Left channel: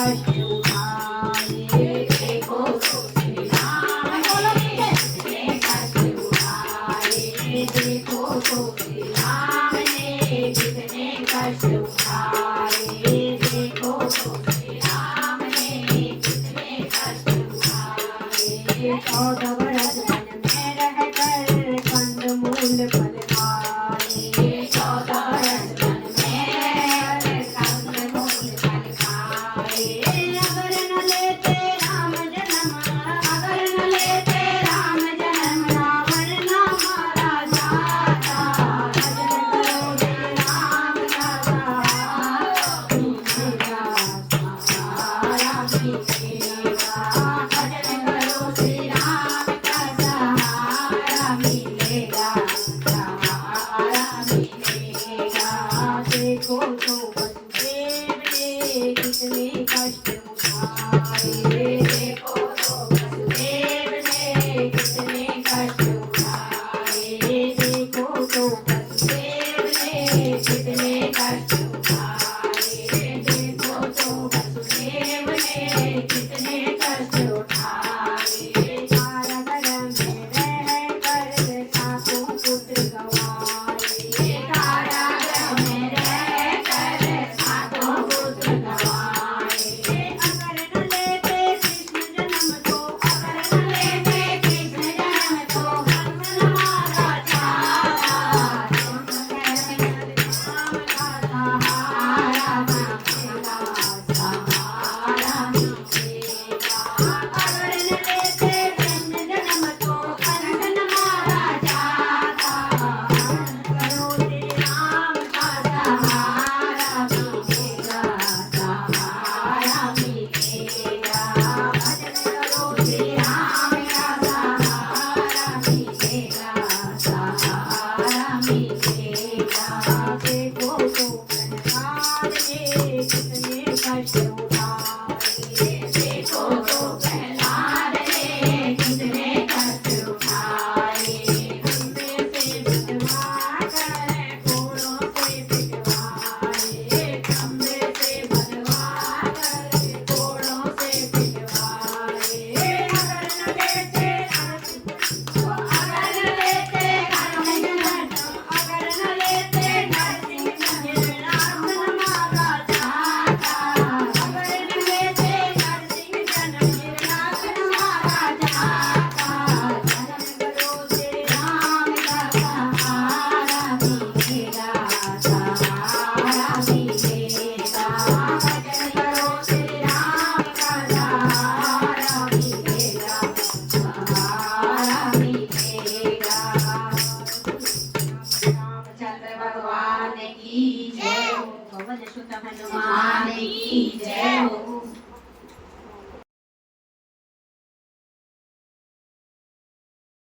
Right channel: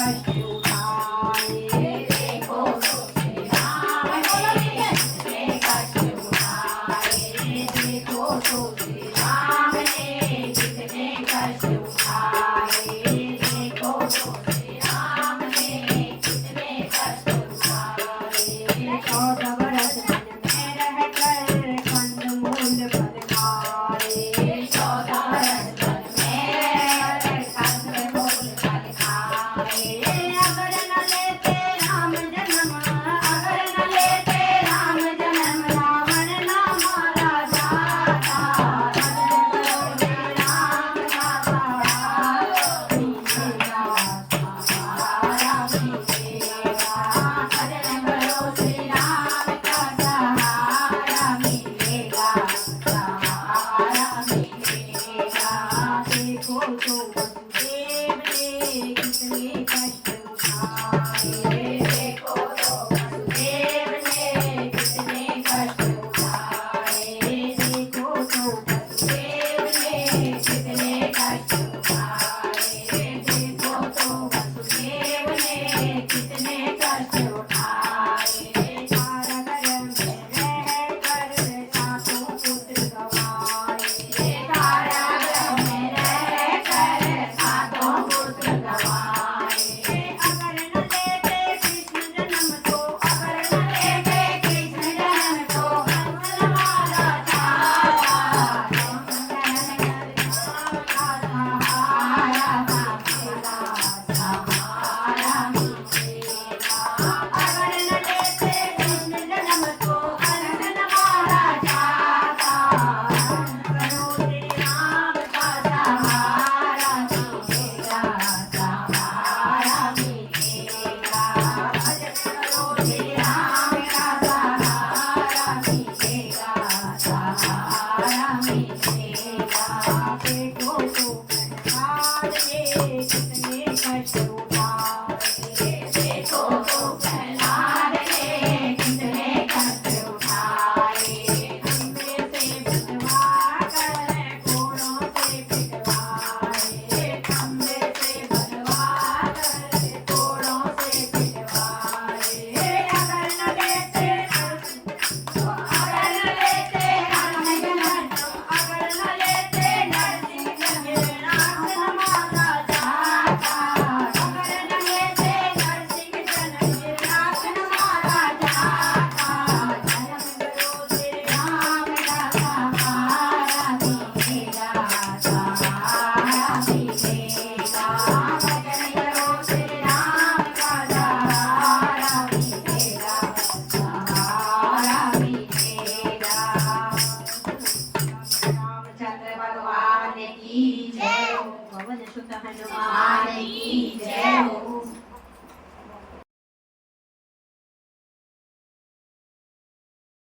कष्ट उठाए देखो तो श्री राम ने कितने कष्ट उठाए देखो तो श्री राम ने कितने कष्ट उठाए देखो तो श्री राम ने कितने कष्ट उठाए 14 बरस वन में रहकर कंदमूल फल खाए 14 बरस वन में रहकर कंदमूल फल खाए अगर न लेते राम जन्म अगर न लेते राम जन्म रावण ना मारा जाता भजन करो श्री राम का सहारा मिलेगा सहारा मिलेगा देखो तो वसुदेव ने कितने कष्ट उठाए